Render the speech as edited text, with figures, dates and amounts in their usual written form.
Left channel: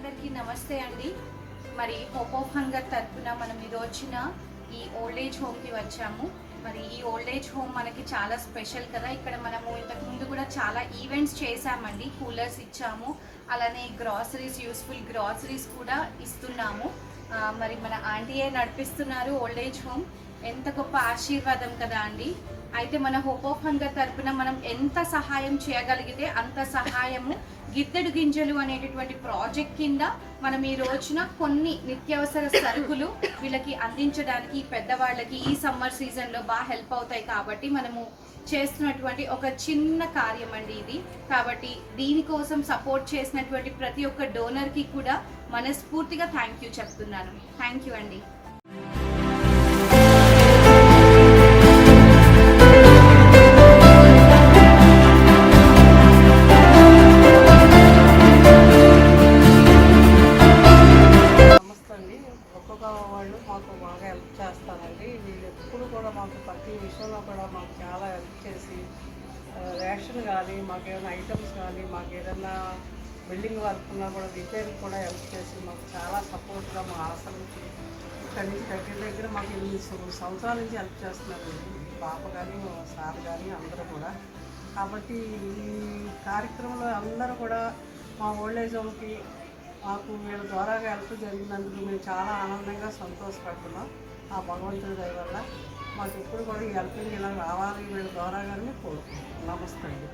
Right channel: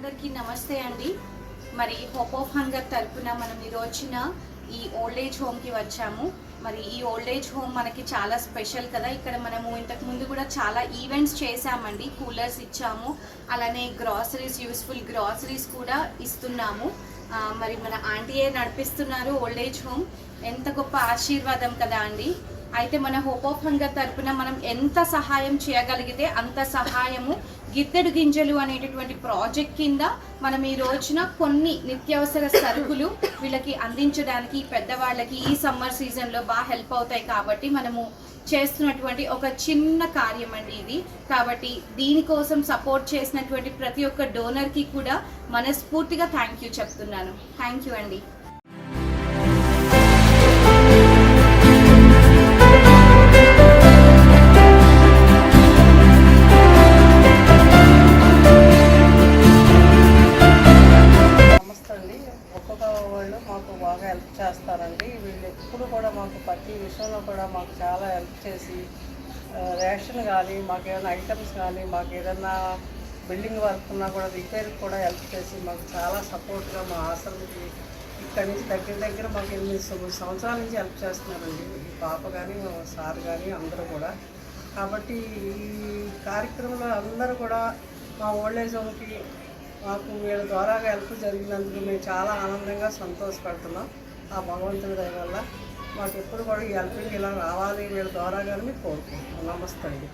అందరికీ నమస్తే అండి. మరి హోప్ ఆఫ్ హంగర్ తరపున మనం వచ్చిన ఈ ఓల్డ్ ఏజ్ హోమ్కి వచ్చాము. మరి ఈ ఓల్డ్ ఏజ్ హోమ్ మనకి చాలా స్పెషల్ కదా. ఇక్కడ మనము ఇంతకు ముందు కూడా చాలా ఈవెంట్స్ చేశామండి. కూలర్స్ ఇచ్చాము, అలానే గ్రాసరీస్, యూస్ఫుల్ గ్రాసరీస్ కూడా ఇస్తున్నాము. మరి మన ఆంటీయే నడిపిస్తున్నారు ఓల్డ్ ఏజ్ హోమ్. ఎంత గొప్ప ఆశీర్వాదం కదా అండి. అయితే మన హోప్ ఆఫ్ హంగర్ తరపున మనం ఎంత సహాయం చేయగలిగితే అంత సహాయము గిద్దెడు గింజలు అనేటటువంటి ప్రాజెక్ట్ కింద మనం ఈ రోజున కొన్ని నిత్యావసర సరుకులు వీళ్ళకి అందించడానికి, పెద్దవాళ్ళకి ఈ సమ్మర్ సీజన్లో బాగా హెల్ప్ అవుతాయి కాబట్టి మనము చేస్తున్నటువంటి ఒక చిన్న కార్యం అండి ఇది. కాబట్టి దీనికోసం సపోర్ట్ చేసినటువంటి ప్రతి ఒక్క డోనర్కి కూడా మనస్ఫూర్తిగా థ్యాంక్ యూ చెప్తున్నాను. థ్యాంక్ యూ అండి. వాళ్ళు మాకు బాగా హెల్ప్ చేస్తారండి. వీళ్ళు ఎప్పుడు కూడా మాకు ప్రతి విషయంలో కూడా మాకు చాలా హెల్ప్ చేసి, రేషన్ కానీ, మాకు ఏదైనా ఐటమ్స్ కానీ, మాకు ఏదైనా బిల్డింగ్ వర్క్ ఉన్నా కూడా రిపేర్కి కూడా హెల్ప్ చేసి మాకు చాలా సపోర్ట్గా మా హాస్టల్కి ఇక్కడి నుంచి దగ్గర మాకు 8 సంవత్సరాల నుంచి హెల్ప్ చేస్తున్నారండి. పాప కానీ, సార్ కానీ అందరూ కూడా. కాబట్టి ఈ కార్యక్రమంలో అందరూ కూడా మా ఓల్డ్ ఏజ్ హోమ్కి మాకు వీళ్ళ ద్వారా హెల్ప్ జరిగినందుకు మేము చాలా ఆనందంగా సంతోషపడుతున్నాం. ఆ భగవంతుడి దయ వల్ల మాకు ఎప్పుడు కూడా ఈ హెల్పింగ్ ఇలా రావాలి వీళ్ళ ద్వారా కానీ కోరుకుంటున్నాం. నమస్తే అండి.